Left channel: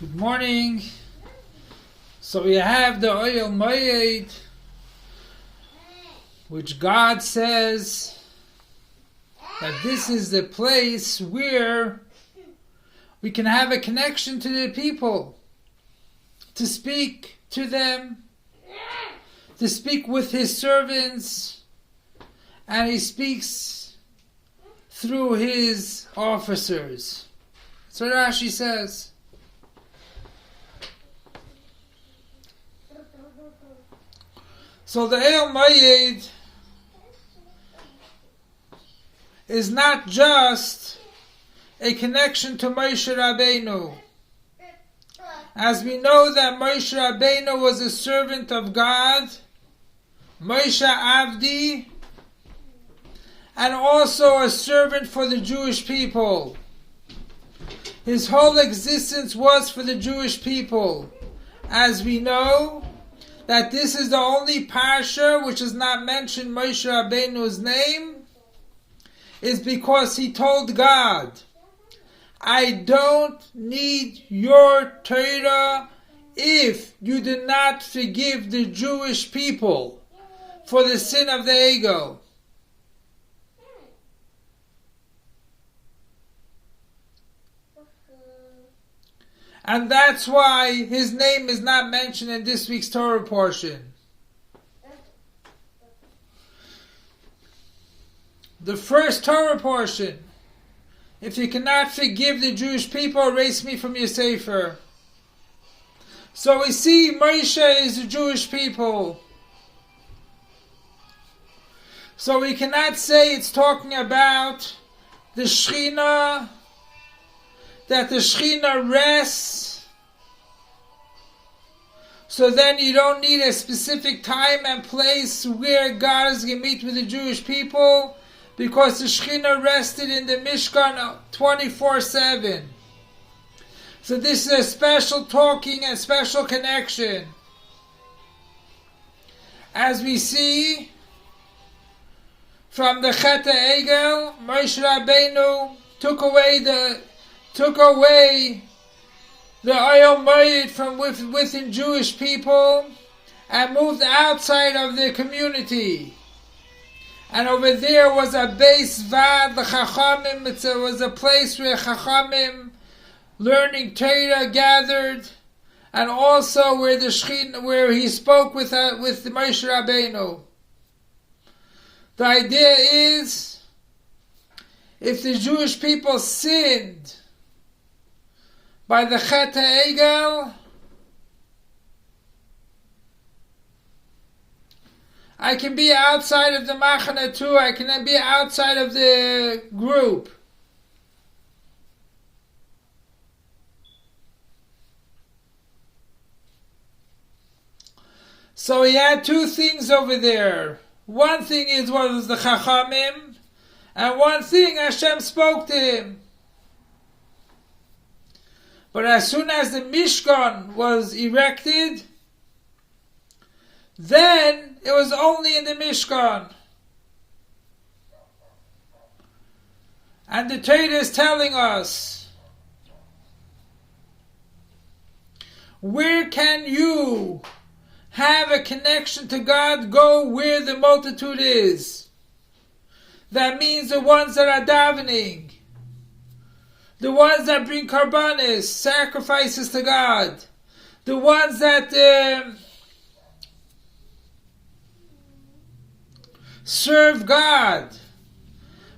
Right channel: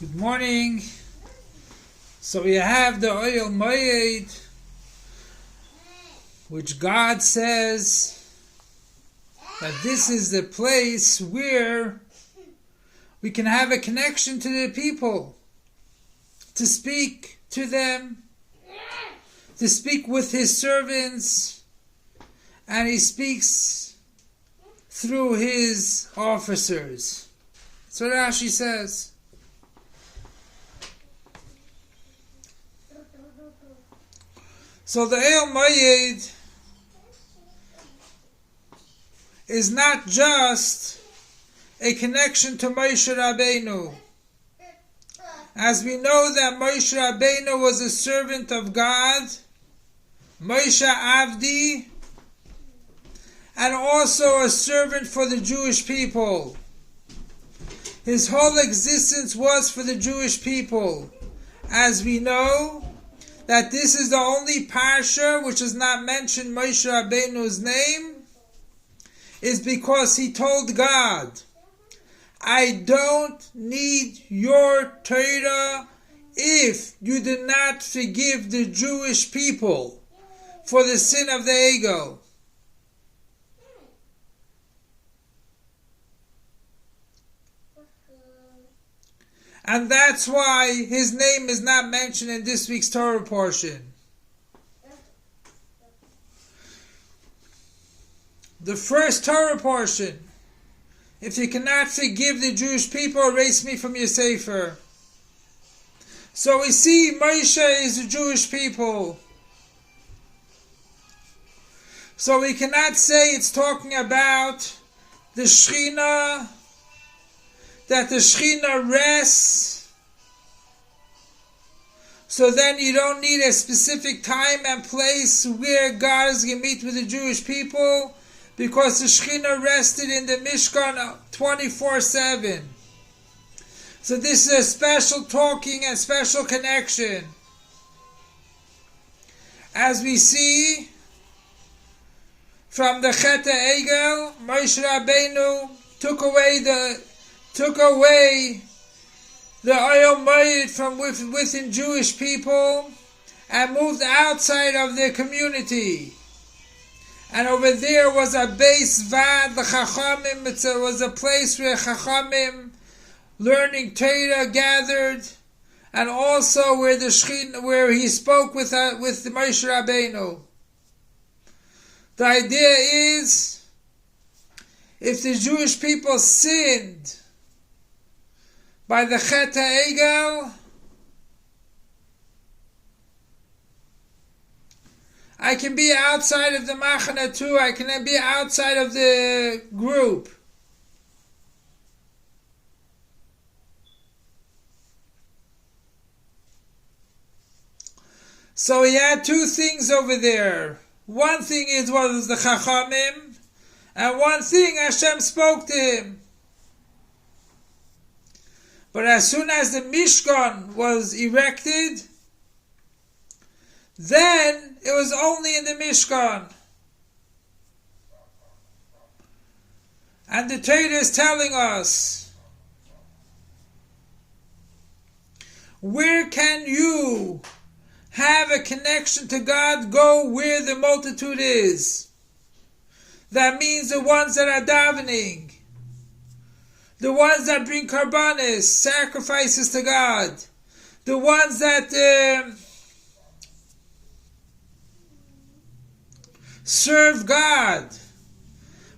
Good morning. So we have the ohel, which God says that this is the place where we can have a connection to the people, to speak to them, to speak with His servants, and He speaks through His officers. That's what Rashi says. So the ohel is not just a connection to Moshe Rabbeinu. As we know that Moshe Rabbeinu was a servant of God, Moshe Avdi, and also a servant for the Jewish people. His whole existence was for the Jewish people. As we know, that this is the only parsha which does not mention Moshe Rabbeinu's name, is because he told God, I don't need your Torah if you do not forgive the Jewish people for the sin of the ego. And that's why his name is not mentioned in this week's Torah portion. The first Torah portion, if you cannot forgive the Jewish people, erase me from your sefer. So we see Moshe is the Jewish people. So we cannot say it's talking about the Shekhinah, that the Shekhinah rests, so then you don't need a specific time and place where God is going to meet with the Jewish people, because the Shekhinah rested in the mishkan 24/7. So this is a special talking and special connection. As we see from the Chet HaEgel, Moshe Rabbeinu took away the ohel from within Jewish people and moved outside of the community. And over there was a beis, the Chachamim. It was a place where Chachamim learning Torah gathered, and also where the Shekhinah, where he spoke with Moshe Rabbeinu. The idea is, if the Jewish people sinned by the Chet HaEgel, I can be outside of the machana too. I can be outside of the group. So he had two things over there. One thing was the Chachamim, and one thing Hashem spoke to him. But as soon as the mishkan was erected, then it was only in the mishkan. And the Torah is telling us, where can you have a connection to God? Go where the multitude is. That means the ones that are davening, the ones that bring karbanis, sacrifices to God, the ones that serve God.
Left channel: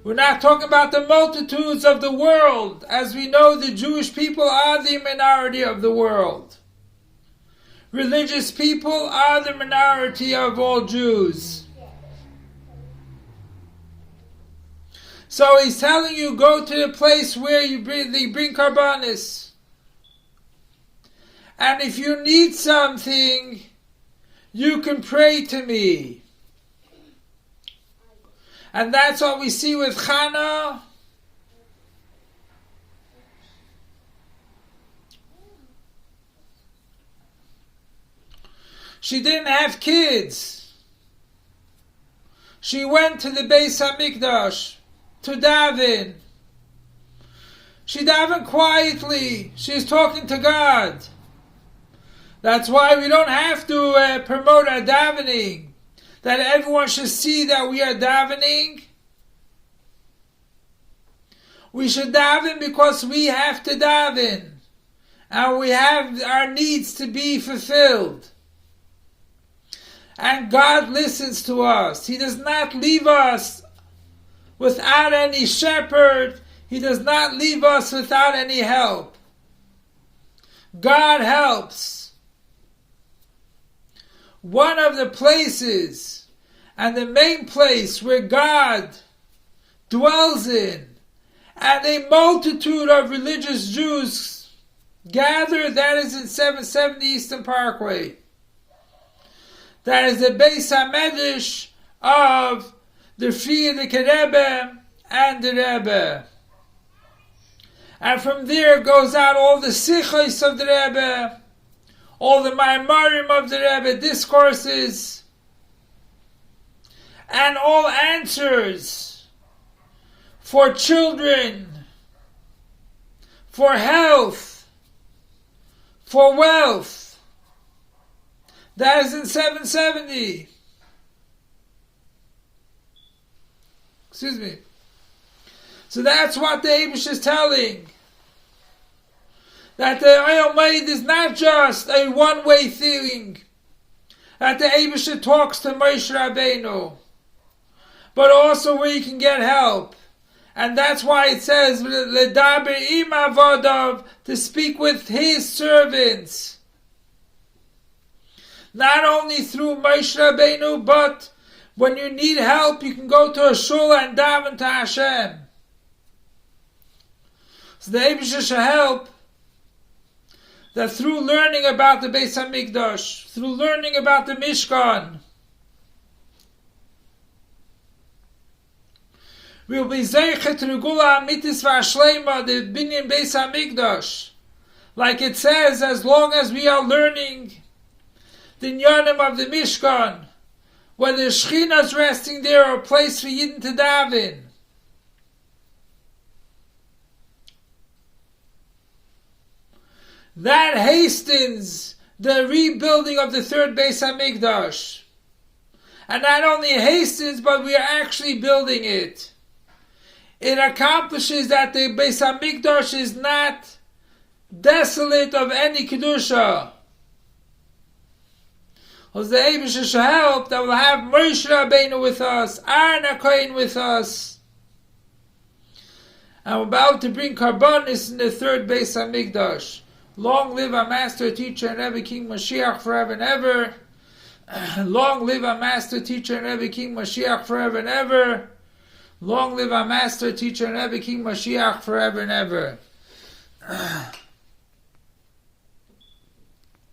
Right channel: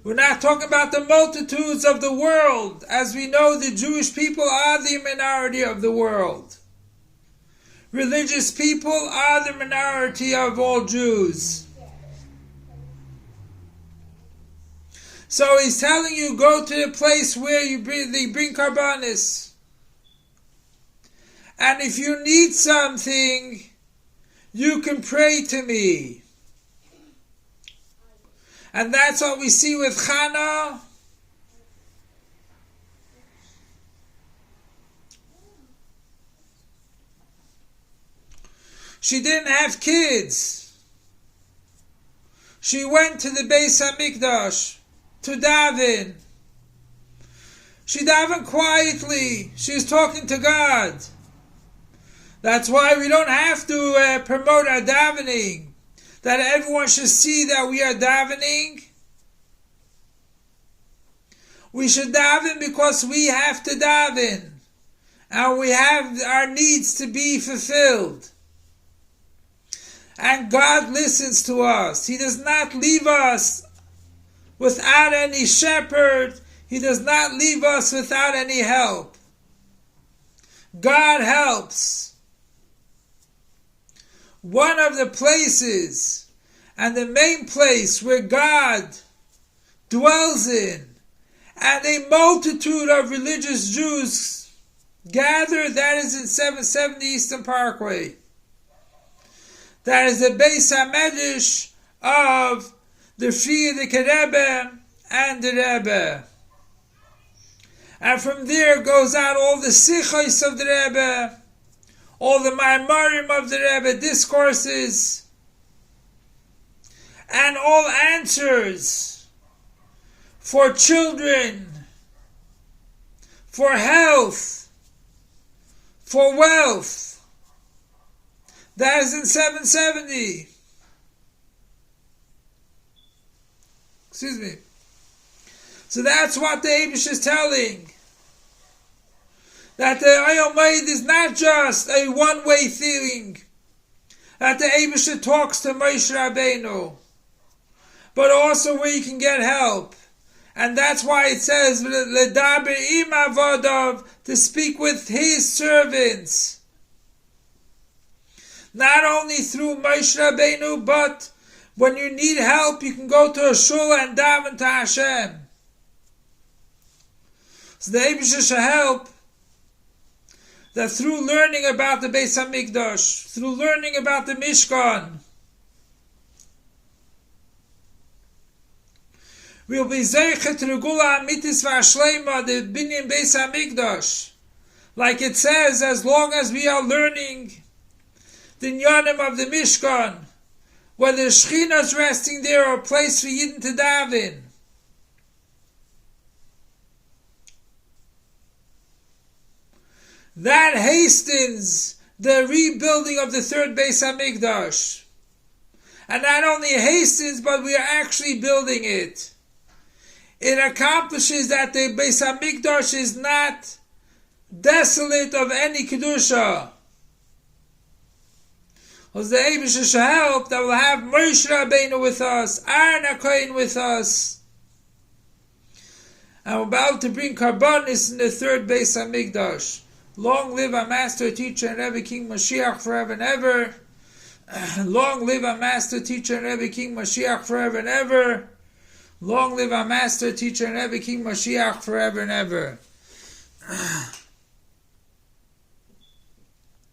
We're not talking about the multitudes of the world. As we know, the Jewish people are the minority of the world. Religious people are the minority of all Jews. So he's telling you, go to the place where they bring karbanis. And if you need something, you can pray to me. And that's what we see with Chana. She didn't have kids. She went to the Beis HaMikdash to daven. She davened quietly. She was talking to God. That's why we don't have to promote our davening. That everyone should see that we are davening. We should daven because we have to daven. And we have our needs to be fulfilled. And God listens to us. He does not leave us without any shepherd. He does not leave us without any help. God helps. One of the places and the main place where God dwells in and a multitude of religious Jews gather, that is in 770 Eastern Parkway. That is the beis HaMedrash of the Frierdiker Rebbe and the Rebbe. And from there goes out all the sichos of the Rebbe, all the maimarim of the Rebbe, discourses, and all answers for children, for health, for wealth. That is in 770. Excuse me. So that's what the Eibush is telling. That the ohel moed is not just a one-way thing. That the Eibush talks to Moshe Rabbeinu. But also where you can get help. And that's why it says, L'daber im avodav, to speak with his servants. Not only through Moshe Rabbeinu, but when you need help, you can go to a shul and daven to Hashem. So the Eibush should help that through learning about the Beis HaMikdash, through learning about the Mishkan, we will be zeichet regula amitis v'ashleima, the binyan Beis HaMikdash. Like it says, as long as we are learning the inyanim of the Mishkan, whether Shechina is resting there or a place for Yidden to daven. That hastens the rebuilding of the third Beis HaMikdash. And not only hastens, but we are actually building it. It accomplishes that the Beis HaMikdash is not desolate of any Kedusha. Because the Eibush should help that we'll have Moshe Rabbeinu with us, Aaron HaKohen with us. And we're about to bring Karbonis in the third Beis HaMikdash. Long live our Master, Teacher, and Rebbe King Mashiach forever and ever. Long live our Master, Teacher, and Rebbe King Mashiach forever and ever. Long live our Master, Teacher, and Rebbe King Mashiach forever and ever.